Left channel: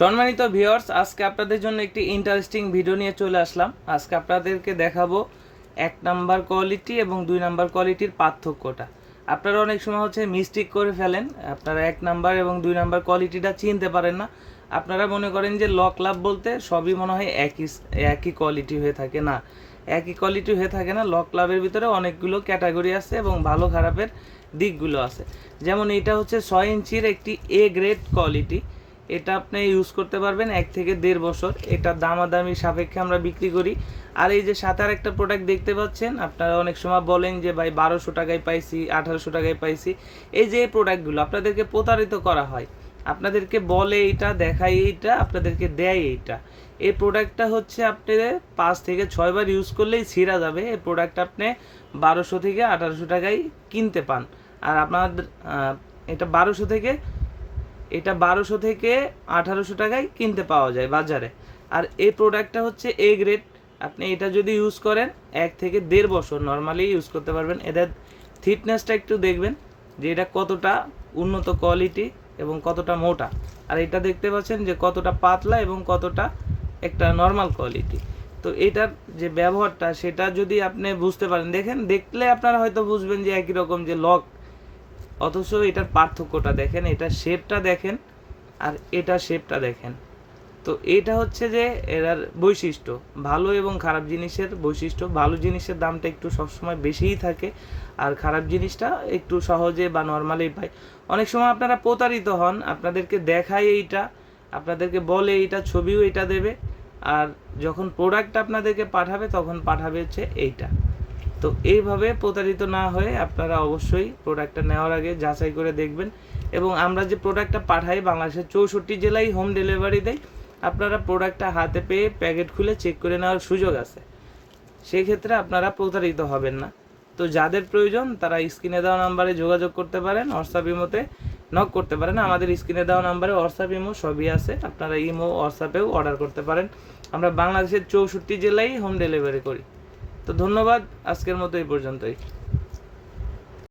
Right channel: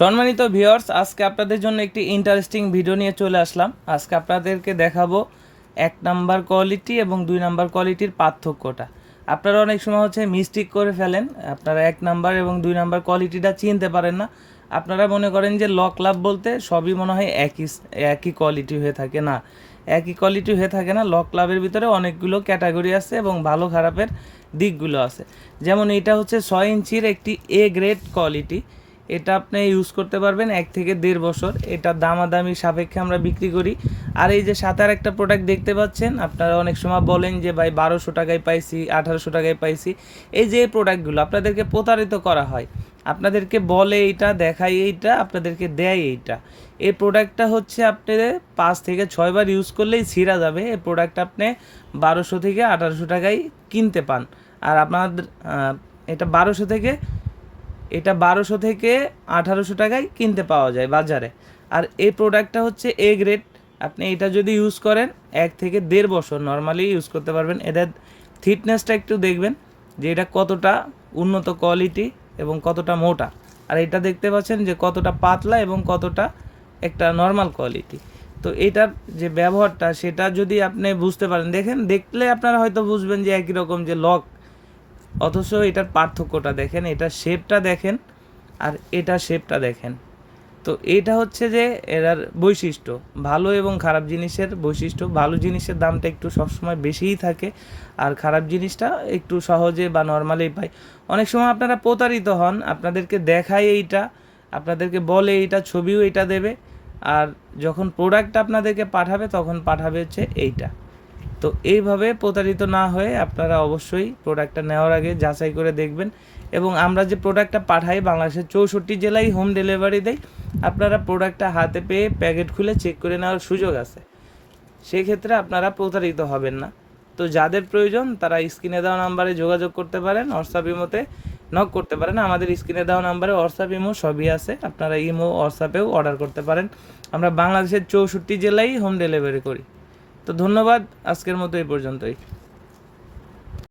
সম্মানিত ভিউয়ার্স, আজকে আপনাদের জন্য একটি ইন্টারেস্টিং ভিডিও নিয়ে চলে আসলাম। আজকে আপনাদেরকে দেখাবো এক নাম্বার কোয়ালিটি এবং দুই নাম্বার কোয়ালিটির পার্থক্যটা। আপনারা অনেক সময় হচ্ছে মিস্টেক করে ফেলেন, আপনারা এক নাম্বার এবং দুই নাম্বার কোয়ালিটিটা চিনতে পারেন না। আপনারা মনে করেন যে লক লাভ বলতে সবই মনে হয় একই একই কোয়ালিটি হয়ে থাকে না। একই কোয়ালিটি হয়ে থাকে না, লক লাভের ভিতরে অনেকগুলো ক্যাটাগরি আছে এবং ভালো খারাপের দিকগুলো আছে। যেমন এটা হচ্ছে ছয় ইঞ্চির একটি এ গ্রেড কোয়ালিটি এটা আপনি ইউজ করতে পারবেন এক থেকে দেড় বছর। এটা দামাদামি সাপেক্ষে আমরা বিক্রি করি। আর এই যে সাথে আর একটা প্রোডাক্ট দেখতে পাচ্ছেন, আপনারা অনেক সময় বলেন যে, ভাই, বারোশো টাকায় পাইছি, আঠারোশো টাকায় পাইছি। এই যে প্রোডাক্টগুলো আপনাদেরকে প্রতারিত করা হয়। আপনাদেরকে বলে এইটা, দেখায় এইটা, আপনাদেরকে দেয় এইটা। এই প্রোডাক্টটা হচ্ছে আপনি পাঁচ থেকে ছয়বার ইউজ করলেই ছিঁড়া যাবে। এই প্রোডাক্ট আপনি বারোশো থেকে আঠারোশো টাকায় কিনতে পান। আর আপনাদের এটা বারোশো থেকে এটা বারোশো থেকে আঠারোশো টাকায় কিনতে পাওয়া যায় বাজারে। আর এই প্রোডাক্টটা হচ্ছে এ গ্রেড আপনি এটা যদি ইউজ করেন, এক থেকে দেড় বছর নর্মালি ইউজ করতে পারবেন। এদের থিকনেসটা একটু দেখবেন যে এটা কতটা উন্নত কোয়ালিটি এবং কতটা মোটা। আর এটা দেখতে পাচ্ছেন যে কতটা পাতলা এবং কতটা একটা নর্মাল কোয়ালিটি তো এটার যে ব্যবহারটা, সেটা যদি আপনি বুঝতে পারেন, দেখেন, দেখলে আপনারা হয়তো বুঝবেন যে একই রকম যে লক অথচ এটার পার্থক্যটা দেখেন, এটার শেপটা দেখেন আর এটার শেপটা দেখেন। তো এটা হচ্ছে যে এরার বৈশিষ্ট্য, ভালো এবং খারাপ জিনিসের বৈশিষ্ট্য। ভালো জিনিসের দামটা একটু সবসময় বেশিই থাকে আর খারাপ জিনিসটা একটু সহজে বা নর্মালি পাই অনেক সময় আপনারা প্রতারিত হন, আপনাদেরকে দেখায় এইটা, আপনাদেরকে বলে এইটা, ছবিও এটা দেবে আর যখন প্রোডাক্ট আপনাদেরকে পাঠাবে তখন পাঠাবে হচ্ছে এইটা। তো এইভাবে প্রতারিত না হয়ে আপনারা অবশ্যই প্রোডাক্টটা নেওয়ার আগে যাচাই করে দেখবেন। এবং আমরা যে প্রোডাক্টটা পাঠাই বাংলাদেশের চৌষট্টি জেলায় হোম ডেলিভারি দেয়, আপনারা প্রোডাক্টটা হাতে পেয়ে প্যাকেট খুলে চেক করে নেওয়ার সুযোগ আছে। সেক্ষেত্রে আপনারা প্রতারিত হবেন না। তো যাদের প্রয়োজন, তারা স্ক্রিনে দেওয়া নাম্বারে যোগাযোগ করতে পারেন হোয়াটসঅ্যাপ ইমোতে নক করতে পারেন। আমাদের স্ক্রিনে দেওয়া নাম্বারে হোয়াটসঅ্যাপ ইমো সবই আছে। আপনারা ইমো হোয়াটসঅ্যাপেও অর্ডার করতে পারেন। আমরা বাংলাদেশের চৌষট্টি জেলায় হোম ডেলিভারি করি। তো ধন্যবাদ আজকের মতো এই পর্যন্তই।